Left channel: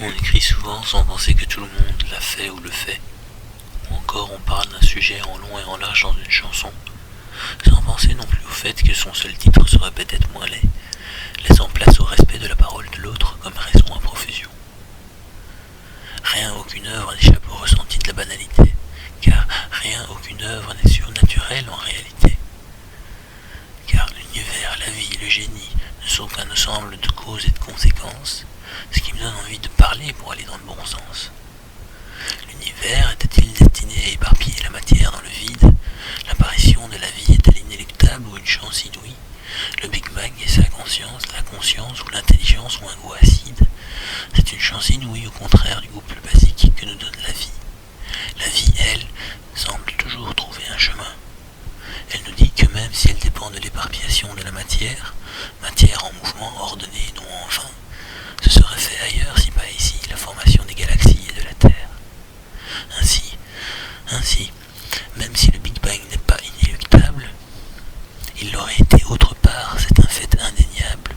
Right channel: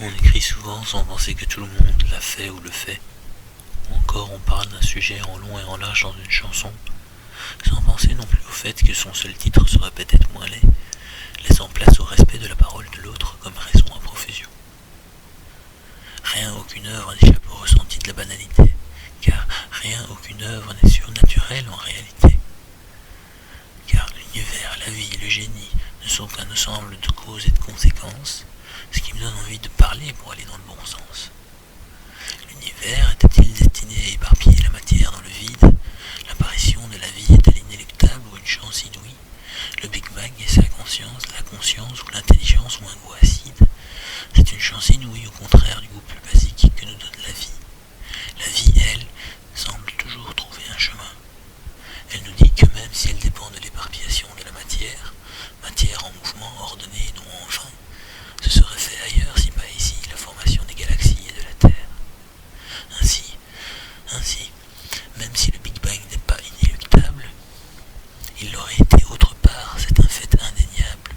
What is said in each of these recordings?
On écrit souvent sans penser que tout le monde l'a fait ou le fait. Ou encore on parle d'un sujet en long et en large dans une chanson, sans penser non plus au fait que son seul titre serait peut-être moins laid, laissant place au respect de la parole de l'autre comme raison à profusion. Rien, aucune œuvre n'échappe au ressenti de la banalité, car rien, aucune œuvre n'est surnaturelle en réalité. Car l'univers, la vie, le génie ne sont qu'un ensemble de causes et de conséquences, ce qui me donne envie de parler pour aller dans le bon sens. L'univers était-il destiné à éparpiller la matière dans le vide? L'apparition de la vie est-elle inéluctable ou une chance inouïe? Le Big Bang et sa conscience, la conscience ou l'intelligence ont un goût acide? C'est une chance inouïe au contraire du goût plus basique que nous donne la vie. La vie, elle, semble toujours trouver un chemin. Elle nous dit que même si elle dépend de l'éparpillation de la matière, matière en mouvement ordonnée et non en vain, ce serait fait ailleurs si pas ici la formation des galaxies et de la Terre. Ainsi, même si le Big Bang n'est pas inéluctable, il l'aurait été autre part, c'est un fait indéniable,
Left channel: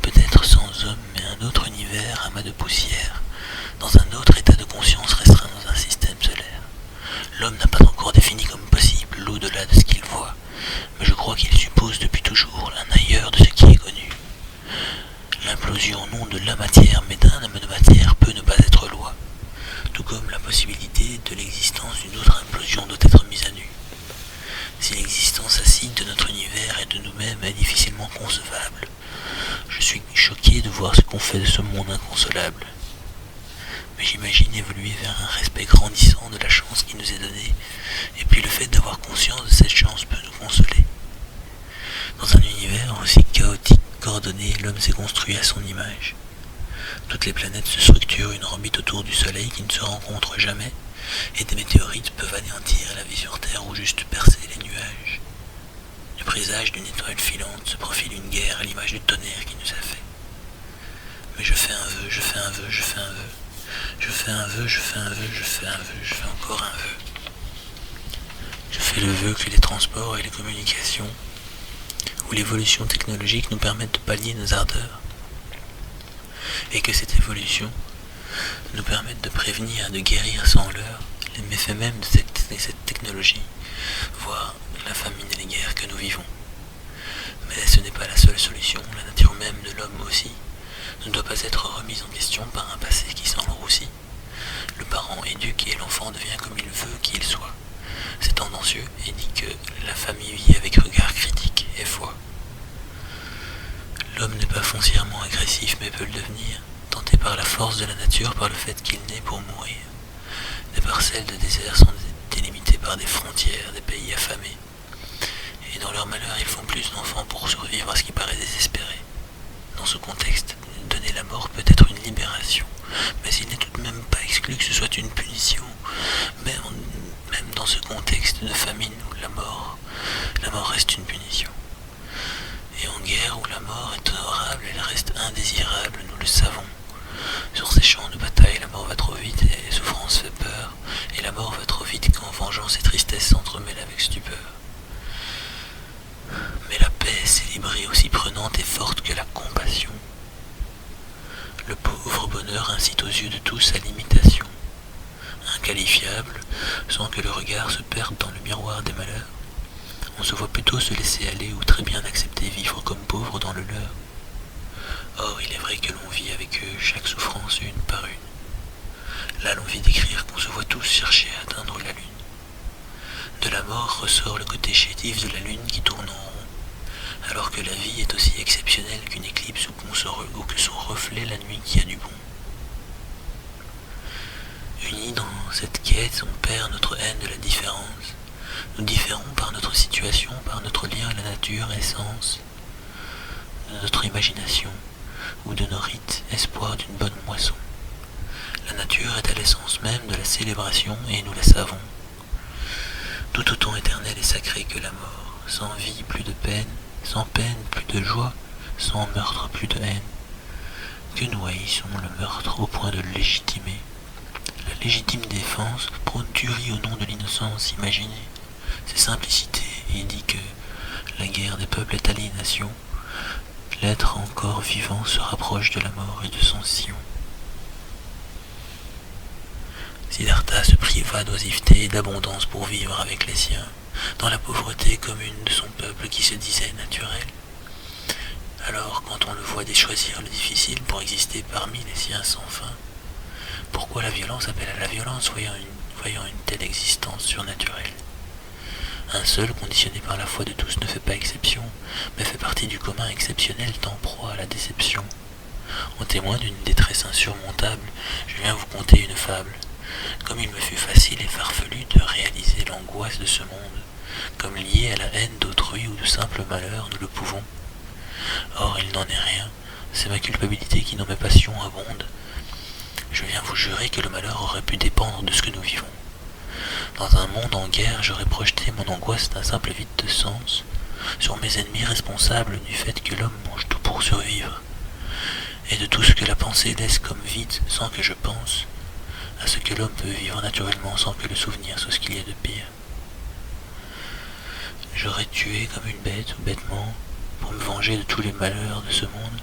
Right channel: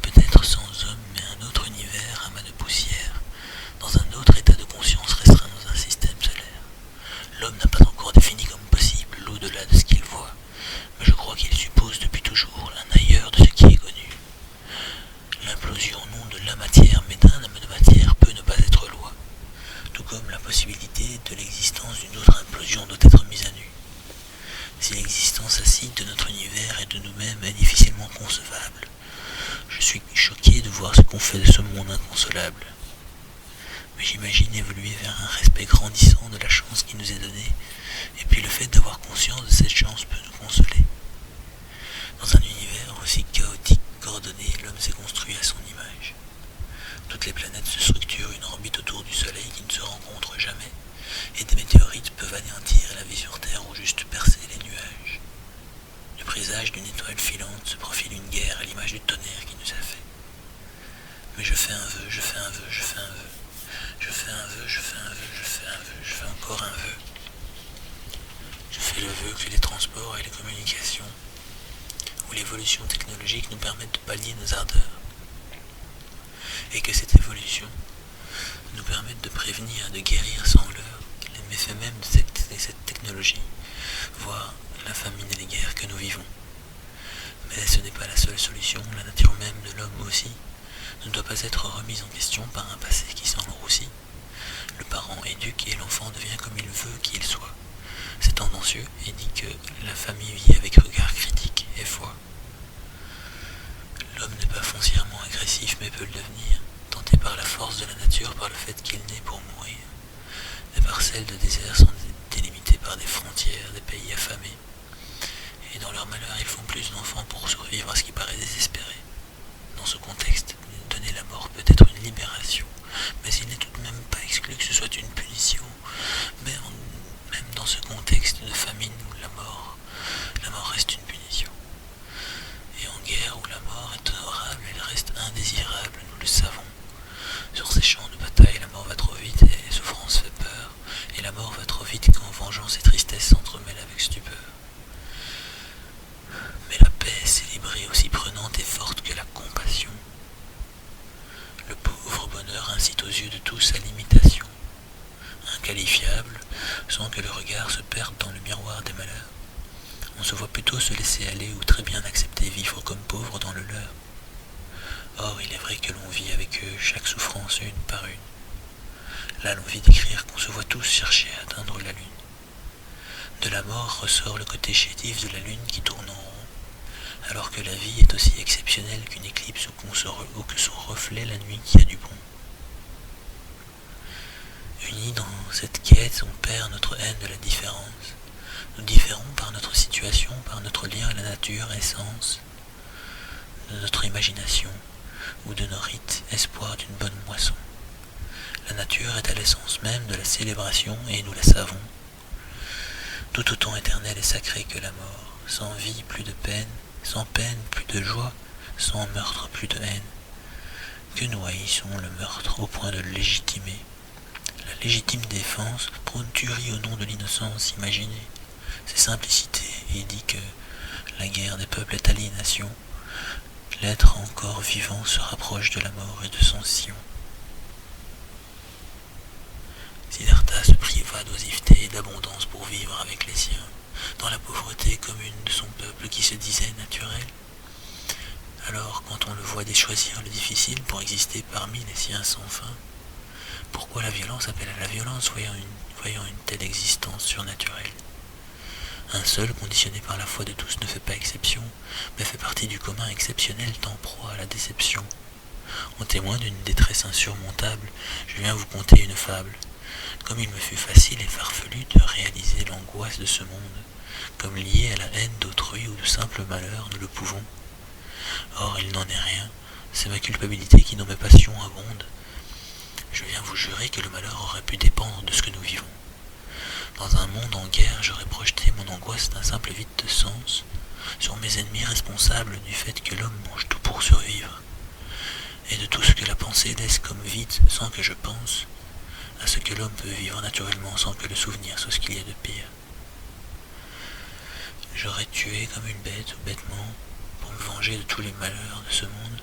peut-être sans homme, mais un autre univers, amas de poussière, dans un autre état de conscience restreint dans un système solaire. L'homme n'a pas encore défini comme possible l'au-delà de ce qu'il voit, mais je crois qu'il suppose depuis toujours un ailleurs de ce qui est connu. L'implosion non de la matière, mais d'un amas de matière peut ne pas être loi, tout comme la possibilité de l'existence d'une autre implosion doit être mise à nu. Si l'existence acide de notre univers et de nous-mêmes est difficilement concevable, je suis choqué de voir ce qu'on fait de ce monde inconsolable. Mais j'imagine évoluer vers un respect grandissant de la chance qui nous est donnée, et puis le fait d'avoir conscience de cette chance peut nous consoler. Dans un univers aussi chaotique qu'ordonné, l'homme s'est construit à son image. Toutes les planètes se structurent une orbite autour du Soleil qui ne se rencontre jamais, et des météorites peuvent anéantir la vie sur Terre ou juste percer les nuages. Du présage d'une étoile filante se profile une guerre à l'image du tonnerre qui nous a fait. Mais je fais un vœu, je fais un vœu, je fais un vœu. Je fais un vœu, je fais un vœu, je fais un vœu, je fais encore un vœu. Je fais le vœu que les transports et les communications ou l'évolution technologique nous permettent de pallier nos ardeurs, et que cette évolution nous permette de prévenir et de guérir sans leurre les méfaits même de cette technologie, voire la famine et les guerres que nous vivons. Mais ce n'est pas la seule solution, la nature même de l'homme aussi ne doit pas être remise en question par un passé qui s'enroussit. Le parent éduque et l'enfant devient comme il veut qu'il soit. C'est tendancieux et dit que la famille vit avec regard critique et foi. L'homme n'est pas foncièrement agressif mais peut le devenir, tenté par la force de la nature, par le fait qu'il naît pour mourir. Des parcelles de désert sont délimitées par des frontières, des pays affamés. Et dans leur malheur, ils font plus d'enfants pour survivre à ce qui paraît désespéré. Dans ce contexte, donner la mort peut être une libération, mais il n'est tout de même pas exclu que ce soit une punition. Même dans ce contexte de famine où la mort reste une punition. Et en guerre où la mort est honorable, elle reste indésirable, nous le savons. Sur ces champs de bataille, la mort va trop vite et les souffrances fait peur, et la mort va trop vite quand vengeance et tristesse s'entremêlent avec stupeur. Mais la paix est célébrée aussi prenante et forte que la compassion. Le pauvre bonheur incite aux yeux de tous à l'imitation, inqualifiable, sans que le regard se perde dans le miroir des malheurs. On se voit plutôt se laisser aller ou très bien accepter vivre comme pauvre dans le leur. Or, il est vrai que l'on vit avec eux chaque souffrance une par une. Là, l'envie d'écrire qu'on se voit tous chercher à atteindre la lune. De la mort ressort le côté chétif de la lune qui tourne en rond, alors que la vie est aussi exceptionnelle qu'une éclipse ou que son reflet la nuit qui a du bon. Unis dans cette quête, on perd notre haine de la différence. Nous différons par notre situation, par notre lien à la nature, essence, de notre imagination, ou de nos rites, espoir d'une bonne moisson. La nature est à l'essence même de la célébration, et nous la savons. Tout autant éternel et sacré que la mort, sans vie plus de peine, sans peine plus de joie, sans meurtre plus de haine. Que nous haïssons le meurtre au point de le légitimer. La légitime défense prône tuerie au nom de l'innocence imaginée. C'est simplicité et dit que la guerre des peuples est aliénation. L'être encore vivant se rapproche de la mort et de son sillon. va d'oisiveté et d'abondance pour vivre avec les siens, dans la pauvreté commune de son peuple qui se disait naturel. Alors, quand on le voit déchoisir le difficile pour exister parmi les siens sans fin, pourquoi la violence appelle à la violence, voyant une telle existence surnaturelle? Un seul, conditionné par la foi de tous, ne fait pas exception, mais fait partie du commun exceptionnel tant proie à la déception. En témoin d'une détresse insurmontable, je viens vous conter une fable. Comme il me fut facile et farfelu de réaliser l'angoisse de ce monde, comme lié à la haine d'autrui ou de simples malheurs, nous le pouvons. Or, il n'en est rien, c'est ma culpabilité qui dans mes passions abonde. Je viens vous jurer que le malheur aurait pu dépendre de ce que nous vivons. Dans un monde en guerre, j'aurais projeté mon angoisse d'un simple vide de sens sur mes ennemis responsables du fait que l'homme mange tout pour survivre, et de tout ce que la pensée laisse comme vide sans que je pense, à ce que l'homme peut vivre naturellement sans que le souvenir soit ce qu'il y a de pire. J'aurais tué comme une bête ou bêtement pour me venger de tous les malheurs de ce monde.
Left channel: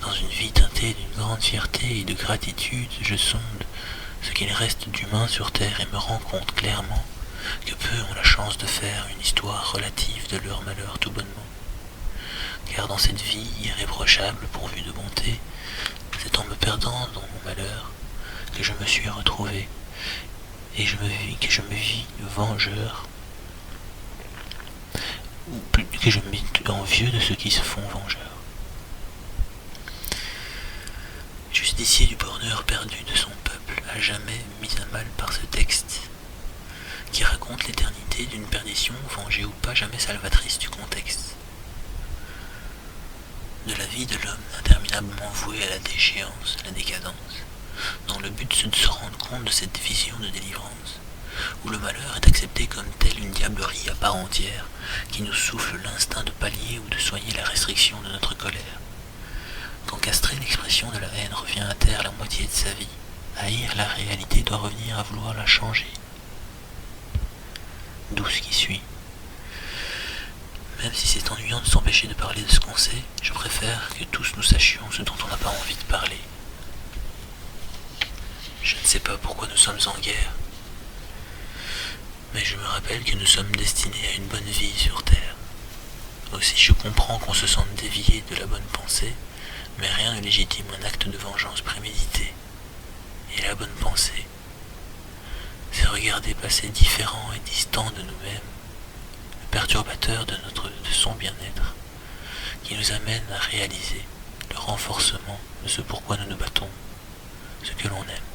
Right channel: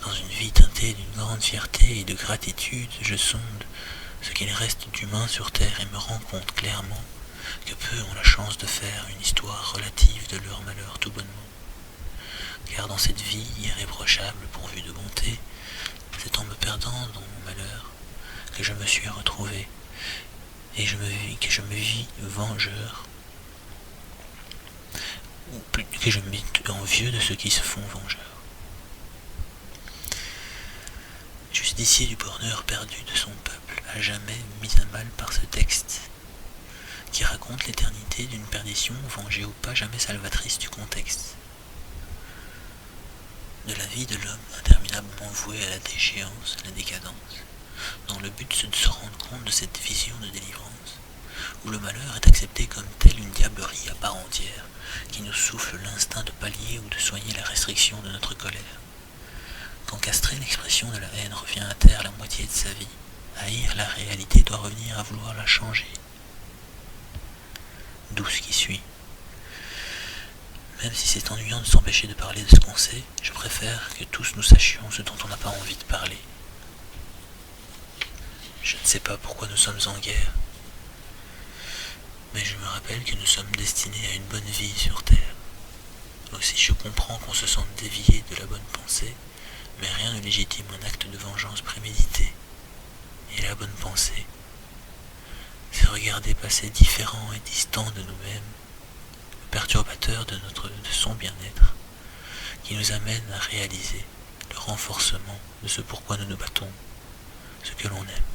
Dans une vie teintée d'une grande fierté et de gratitude, je sonde ce qu'il reste d'humain sur terre et me rends compte clairement que peu ont la chance de faire une histoire relative de leur malheur tout bonnement. Car dans cette vie irréprochable pourvue de bonté, c'est en me perdant dans mon malheur que je me suis retrouvé et que je me vis vengeur, ou plus que je me vis envieux de ceux qui se font vengeurs. Justicier du bonheur perdu de son peuple, à jamais mis à mal par ce texte, qui raconte l'éternité d'une perdition, vengée ou pas, jamais salvatrice du contexte. De la vie de l'homme interminablement voué à la déchéance, à la décadence, dans le but de se rendre compte de cette vision de délivrance, où le malheur est accepté comme telle une diablerie à part entière, qui nous souffle l'instinct de pallier ou de soigner la restriction de notre colère. Quand castrer l'expression de la haine revient à taire la moitié de sa vie, haïr la réalité doit revenir à vouloir la changer. D'où ce qui suit. Même si c'est ennuyant de s'empêcher de parler de ce qu'on sait, je préfère que tous nous sachions ce dont on n'a pas envie de parler. Je ne sais pas pourquoi nous sommes en guerre, mais je me rappelle que nous sommes destinés à une bonne vie sur Terre. Aussi je comprends qu'on se sente dévié de la bonne pensée, mais rien ne légitime un acte de vengeance prémédité. Et la bonne pensée, c'est regarder passer différent et distant de nous-mêmes, le perturbateur de son bien-être, qui nous amène à réaliser le renforcement de ce pourquoi nous nous battons, ce que l'on aime.